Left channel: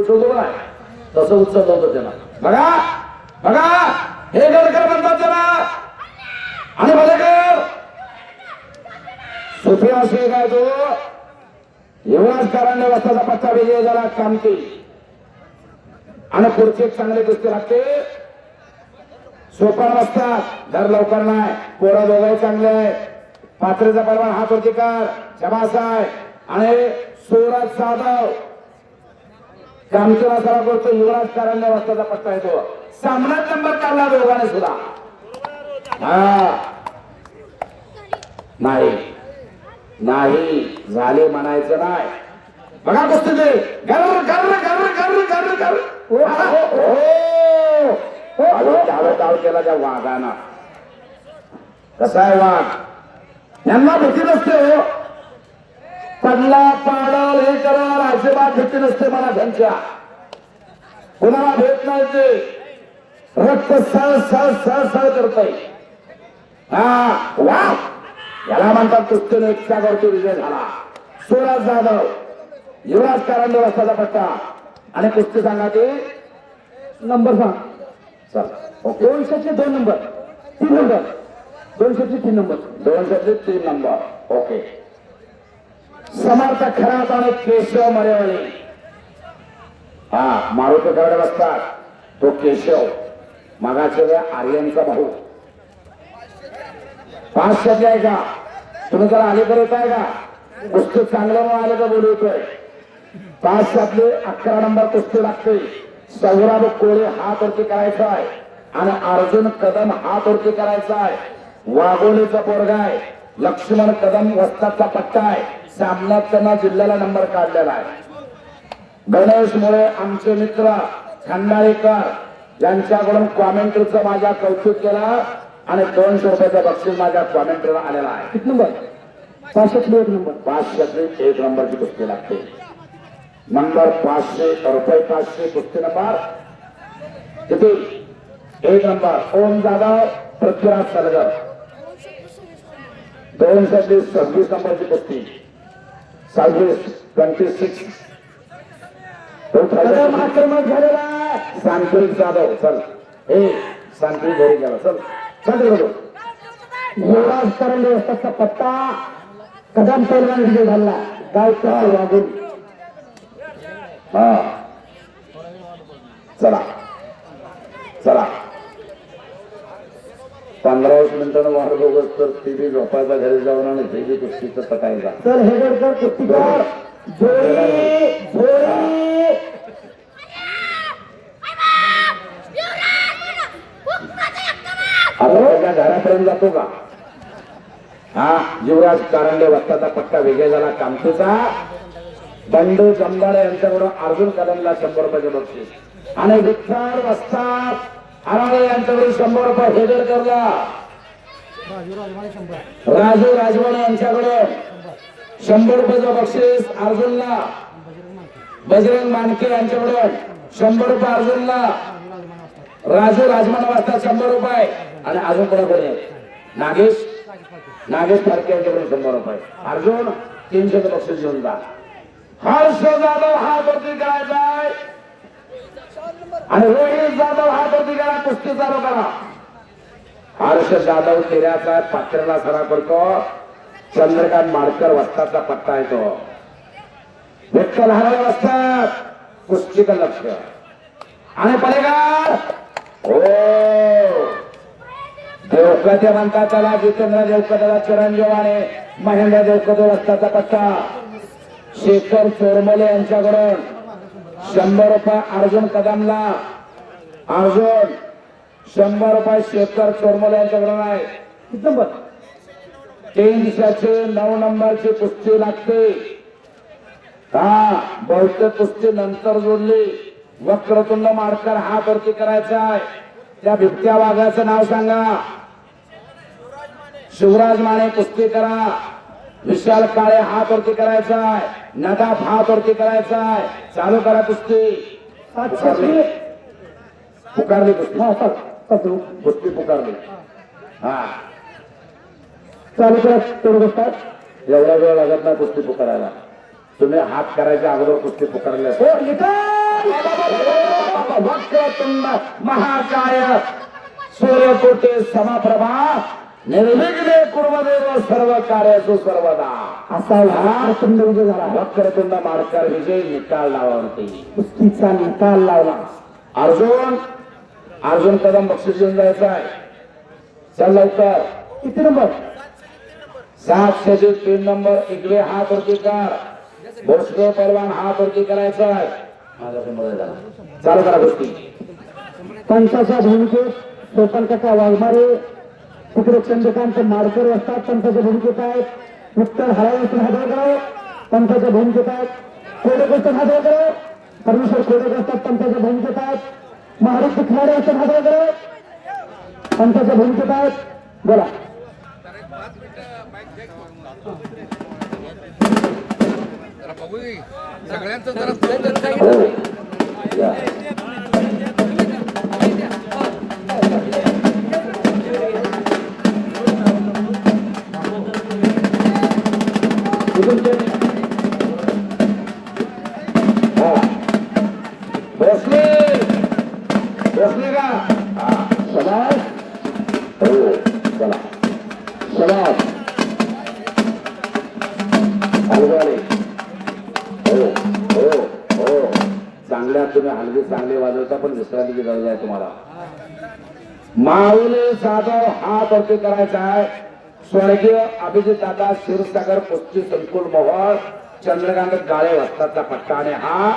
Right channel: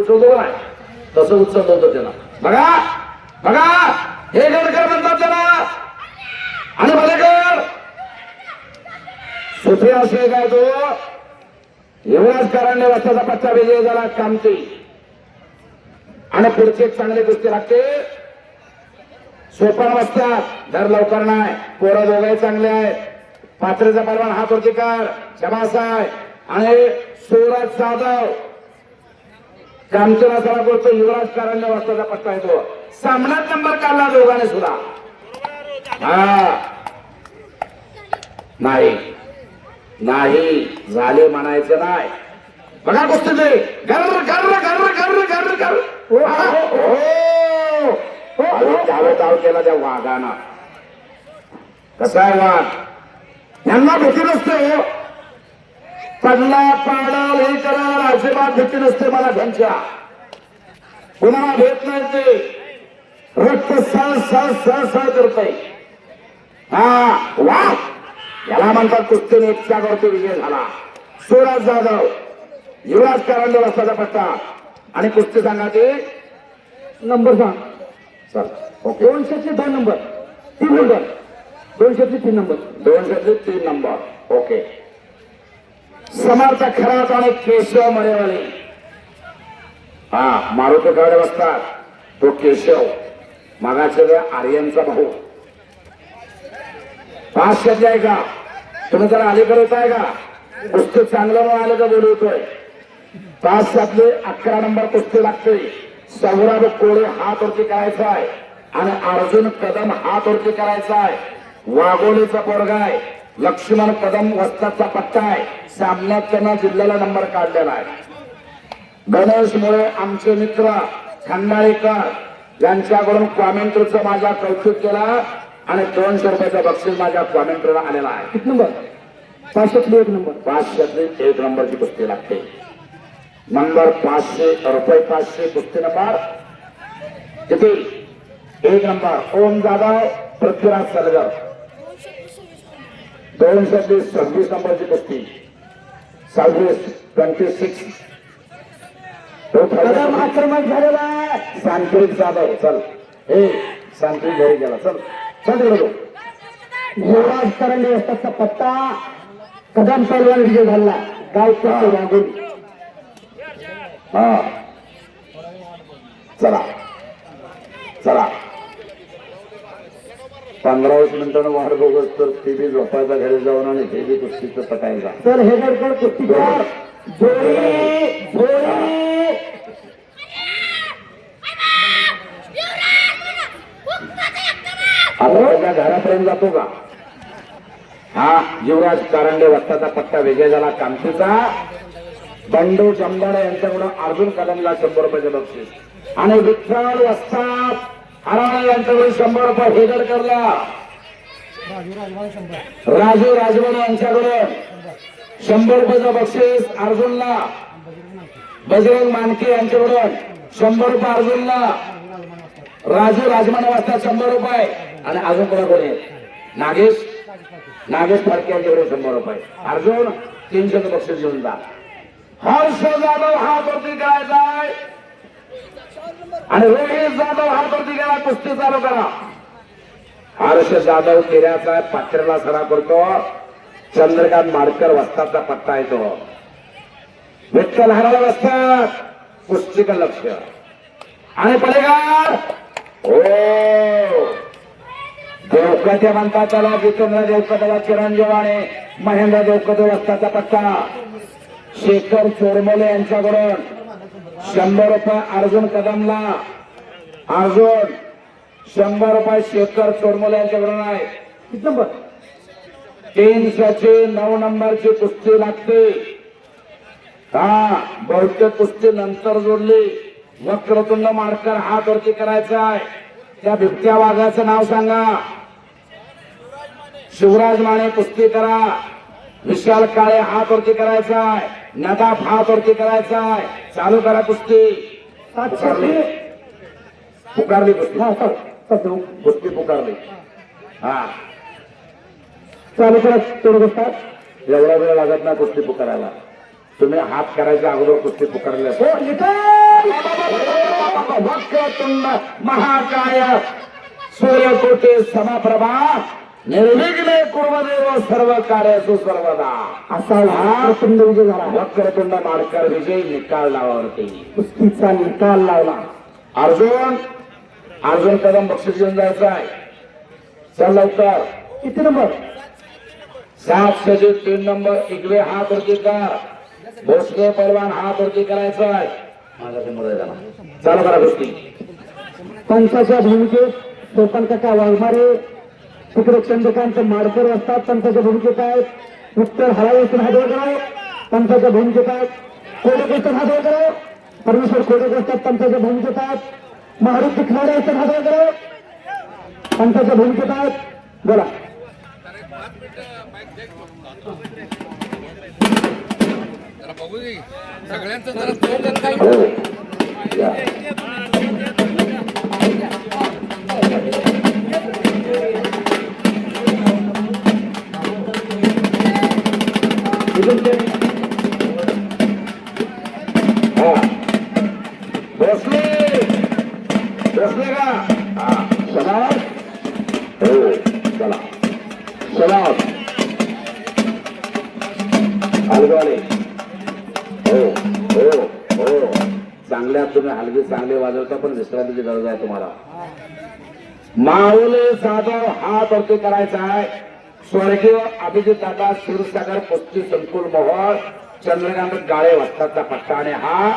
उचलतो नाही तसं उचललं होतं त्याला. बघा बघा हे गडकर म्हणतात त्याला. आणि बघेकर सुफिया शेख आहे तो. युवराजकारांनी रस्त्याचा पत्ता विजय झाला कामती. आणि पुढचे चांगले कुस्ती लागते. सोपान बसतात दर लवकर नाही. पोरं दोघे चांगले आहेत. पात्रेचा परवान हा प्रतिकार शबास आहे. आणि सूरज जाधव कामचीला सरा करतो. युवराजकारांनी रस्त्याचा पत्ता येतो. सामनात नंबर काढला दोघांनी सुद्धा. नाही नाही झाले म्हणायचं नाही. बघा कुस्ती ते गर्र गर्र गर्र गर्र गर्र गर्र. डाव केला त्या वाघाना. कसा आहे वाघ यांना भीती नसते. पडला पाडल हे करा अजिबात भीती नसते मला त्यांच्या. कुणाला भेट नाही ते रक्त सळ सळ सळ सळ करतय. वा याला म्हणतात कुस्तीने एकट्यावरती विजय झाला. सूरज जाधव युवराजकारांनी रस्त्याचा पट्टा. आणि कुस्ती सांगा ते नंबर सांग. चल okay 202 number 3 number 203 number 203 number okay. Samarth Kharat आणि केशव मरेवळे. मारुती गड बसतात तो केशव मागाच्या आर्यनचा भाऊ. 500 आहे का तुम्ही जरा अलीकडे येत आहे का. कुस्ती चांगलं आलं का बोलवतोय. 500 11 नंबर कुस्ती लागते. सौरभ कोळे हात वरती करायचा आहे. आणि अर्जुन कदम हात वरती करायचा आहे. वाघोलीचा पोरगा आहे. लक्ष्मण कदम वस्ताचा पट्टा आहे. सामन्यात त्यांना जिल्ह्याला नंबर काढलेला आहे. गणेश मुळे आमचे मित्र खंडाळेकर यांच्याकडून कॉमेंट्रीचं माझा कौतुक केला. आणि 200 रुपयाचा बक्षीस माझ्या कॉमेंट्रीला आलेला आहे. किती नंबर 501 नंबर 501 नंबरची कुस्ती लागते. नंबर 500 रुपये 500 कुस्ती नंबर किती 1 नंबर ओम जाधव पृथ्वीराज सरगर. 226 नंबरची कुस्ती 26 आक्रमक झालेला आहे. सांत्रिक जाधव चल हे सांत्रिक घरी गेला. चल युवराज करंडे व्यवस्थाचा पत्ता कदम पैलवान विजय झाला. गावचा वागून चला चला 15-20 मिनिटांना वाट बघत तर ते बी झोपायचा घरी जाऊन आणि ते बी कुस्तीचं पटायचा. तर हे गडकर कुस्तीगार घरापर्यंत जातो का. युवराज कारंडे वस्ताचा पट्टा विजय झाला कामतीचा. बंडू जमदाडे यांच्याकडून अर्जुन कदमला 100 रुपयाचे बक्षीस. आणि विठ्ठल वस्ताद आराळे यांच्याकडून 100 रुपये हेदर करला. राजू राजवाडे यांच्याकडून 100 रुपयाचं बक्षीस अर्जुनला. बजरंग मानके यांच्याकडून 100 रुपये अर्जुनला. राजू राजमाने वाजता 100 रुपये. आणि अजून कोणी नागेश फारके यांच्याकडून 100 रुपये. अर्जुन 300 बक्षीस घेऊन जा. हर्ष जाधव हा वरती करायचा आहे. आणि रोहित जाधव हा वरती करा. कुस्ती चालू करा. हर्ष जाधव तेऱ्याचा पात्रेला सरा करतो. चंद्रकांत माडकर वस्ताचा पत्ता येतो. विठ्ठल हराला वस्तात कुस्तीचं लक्ष. आणि पडेगार देवकते म्हणतात त्याला. जितेंद्र देवकतेला चिरंजीव आणि महेंद्र देवकते वस्ताचा पत्ता. शेखर चोरमले यांच्याकडून 100 रुपये अर्जुन कदमला. अर्जुन 100 रुपये शेखर चोरमले यांच्याकडून आहे. किती नंबर 309 नंबरची कुस्ती लागते. बहुतेक कुस्ती नंतर जोडली. वक्रतुंड माडकर हात वरती करायचा आहे. त्या बिबट्या वाघाचं नाव सांगा. शिवराज माने कुस्ती करा. विशाल काळे हात वरती करायचा आहे. नदाफ हात वरती करायचा आहे. चालू करा कुस्ती. पुकारली कुस्ती. कुस्ती पुकारली. चालू करा. तेवढं बसतात एवढा वेळ लागत नाही कुस्ती पुकारायला. तुम्ही हात करायच्या अगोदर कुस्ती पुकारली. वक्रतुंड महाकाय सूर्यकोटी समप्रभा निर्विघ्ने कुर्मदेव सर्व कार्येषु सर्वदा असा वक्रतुंड विजय झाला. वक्रतुंड मार्कर विजय निकाल लावावरती कुस्तीचा निकाल लावला. अर्जुन कदम बक्षीस घेऊन जायचं आहे. चल लवकर. किती नंबर? 703 नंबर. इकडे हात वरती कर. भोसले पैलवान हात वरती करायचा आहे. चालू करा गोष्टी. पंचाच्या भूमिकेत सोपन काका वाघमारे, तिकडे चंद्रकांत माडकर असतात. पंचाच्या भूमिकेत आहेत उत्तर हरावेसून हादवकर. पंचाच्या भूमिकेत आहेत कोडेकर हादवकर. परमेश्वर कोडेकर असतात. पंचाच्या भूमिकेत आहेत महाराष्ट्र खिलाडी असतात हादवकर. पंचाच्या भूमिकेत आहेत. बोला. सगळ्यांचं जरा हो. या. इथून ते. हा. बसले का? हा. शाबास. हो. चला. शाबास. हलवाले. हो हो हो. चांगल्या तुम्ही हलगी चांगले वाजवता, पण विश्रांतीची गरज आहे तुम्हाला. माऊली जाधव हात वरती करायचा आहे. स्वर्गीय अभिजित दादा क्षीरसागर कुस्ती संकुल मोहोळ चंद्रकांत गाळे वस्ताचा पट्टा. आणि हा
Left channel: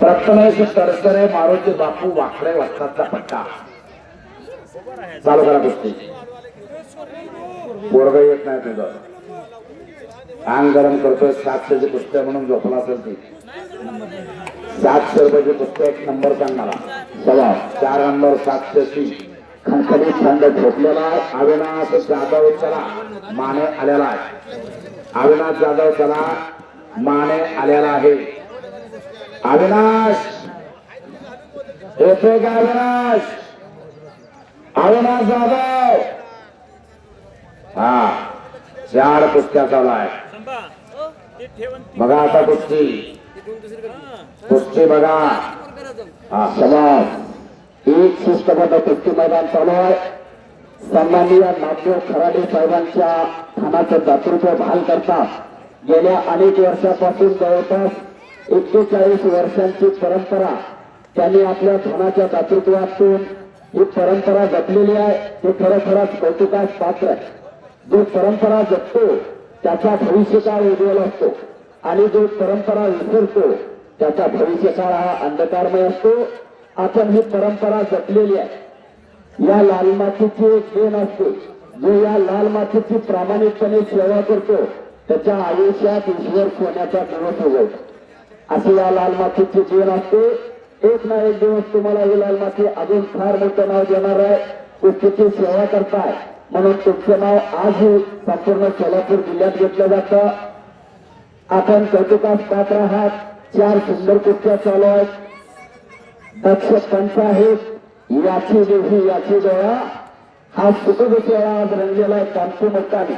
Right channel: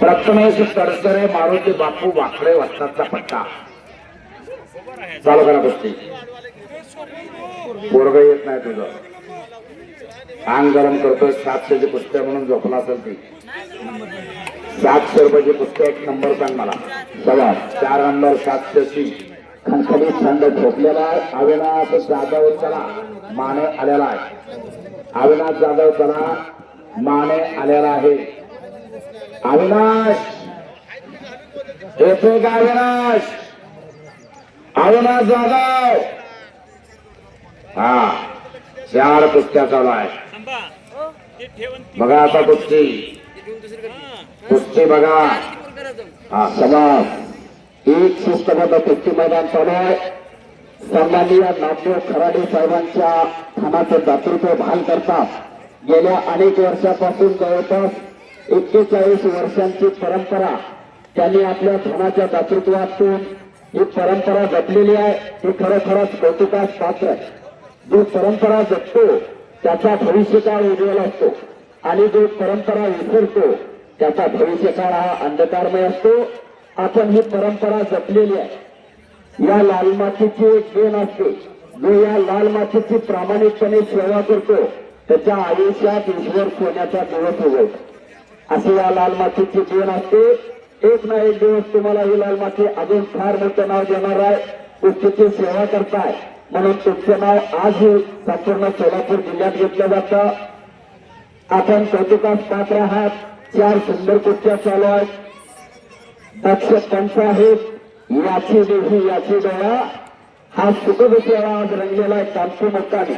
प्रथमेश तडसरे मारुती बापू वाकडे वस्ताचा पट्टा. चालू करा कुस्ती. पोरग येत नाही तुझं. अंग गरम करतोय. 700ची कुस्त्या म्हणून झोपला असेल ती. 700 रुपयाची कुस्ती. 1 नंबर सांग मला. चला. 4 नंबर 700ची खणखणी थंड झोपलेला आहे. अविनाश जाधव चला माने आलेला आहे. अविनाश जाधव चला माने आलेला आहे. अविनाश येतोय का? अविनाश जाधव. हा. 4 कुस्त्या चालू आहे. बघा आता कुस्ती बघा. हा. समाज एक शिस्तबद्ध कुस्ती मैदान चालू आहे. सन्माननीय नाट्य खराडे साहेबांच्या थानाचं दातृत्व बहाल करता गेल्या अनेक वर्षापासून जवळपास 41 वर्षांची परंपरा त्यांनी आपल्या थानाच्या दातृत्वातून ही परंपरा जपलेली आहे. हे खरोखरच कौतुकास पात्र आहे. जो परंपरा जपतो त्याचा भविष्यकाळ उज्ज्वल असतो आणि जो परंपरा विसरतो त्याचा भविष्यकाळ हा अंधकारमय असतो. आपण ही परंपरा जपलेली आहे. या लाल मातीची एक देण असते. जो या लाल मातीची प्रामाणिकपणे सेवा करतो त्याच्या आयुष्यात ईश्वर सोन्याचा दिवस उगवतो. अशी या लाल मातीची देण असते. एक ना एक दिवस तुम्हाला ही लाल माती अजून फार मोठं नाव देणार आहे. कुस्तीची सेवा करताय म्हणून तुमचं नाव आज संपूर्ण सोलापूर जिल्ह्यात घेतलं जातं. आपण कौतुकास पात्र आहात. 4 सुंदर कुस्त्या चालू आहेत. दक्ष पंच आहेत. याची देवी याची डोळा हा सुखदुसरा आज रंगलेला आहे. कांती मोठाने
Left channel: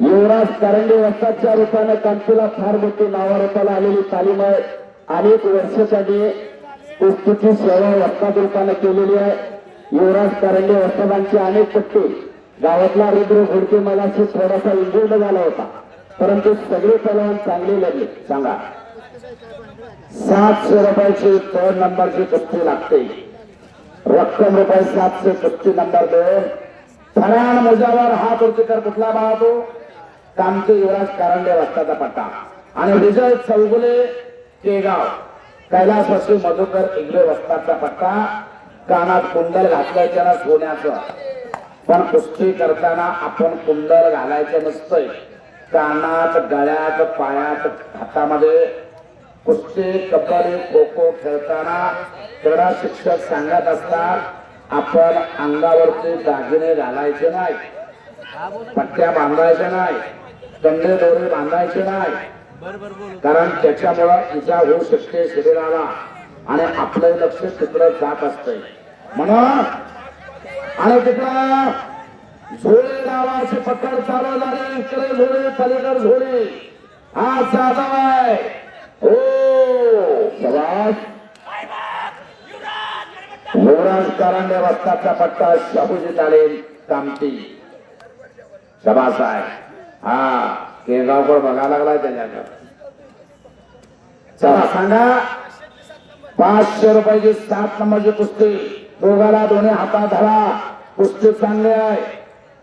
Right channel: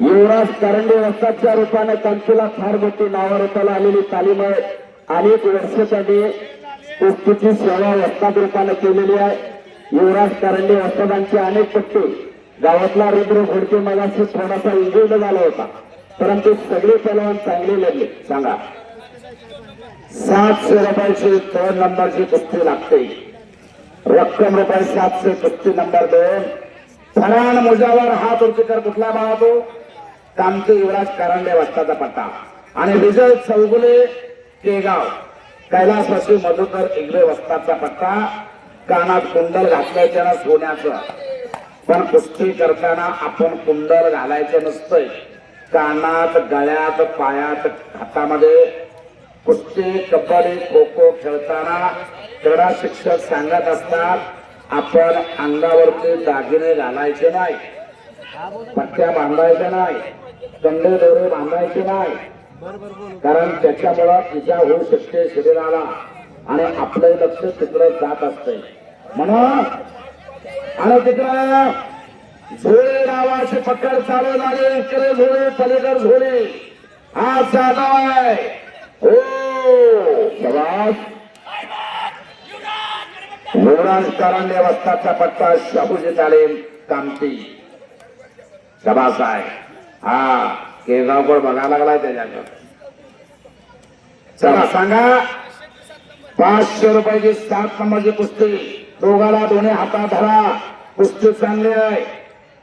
युवराज कारंडे वस्तादच्या रूपाने कांतीला फार मोठी नावारूपाला आलेली तालीम आहे. अनेक वर्षासाठी कुस्तीची सेवा वस्ताद रूपाने केलेली आहे. युवराज कारंडे वस्तादांचे अनेक पट्टे गावातला रुद्र घोडके मलाशी थोडासा इंजुर्ड झाला होता, परंतु सगळे पैलवान चांगले लागले. सांगा 700 रुपयाची 2 नंबरची कुस्ती लागते. रक्कम रुपये 700. कुस्ती नंबर 2. फराण मुजावर हात उंचीकर कुठला पाहतो? कामते युवराज कारंडे वस्ताचा पट्टा. आणि विजय चौगुले केगाव कैलासवासी मधुकर इंगळे वस्ताचा पट्टा. कानात कुंडल घातलायच्या ना सोन्याचं, पण कुस्ती करताना आपण कुंडल घालायचं नसतंय. कानात गळ्यात पायात हातामध्ये कुस्ती कबड्डी खो खो खेळताना क्रीडा शिक्षक सांगत असतात आपण अंगावरती दागिने घालायचे नाही, पट्ट्या बांधायच्या नाही, कंडे दोरे बांधायचे नाही, कारण त्याच्यामुळे इजा होऊ शकते शरीराला आणि आपलं लक्ष तिकडे जात असते. म्हणून आणि तिकडे झोळे नावाची पकड चालू झाली. इकडे झोळे पलीकडे झोळे हा साधव आहे. हो शबाश. युवराज करांडे वस्ताचा पट्टा शाहूजी तालीम कामती. शबास आहे. हा केगावकर बघायला लागलाय त्याच्याकडे. चला सांगा 500 रुपयाची 7 नंबरची कुस्ती. दोघाला दोन्ही हातात धरा. कुस्ती चांगली आहे.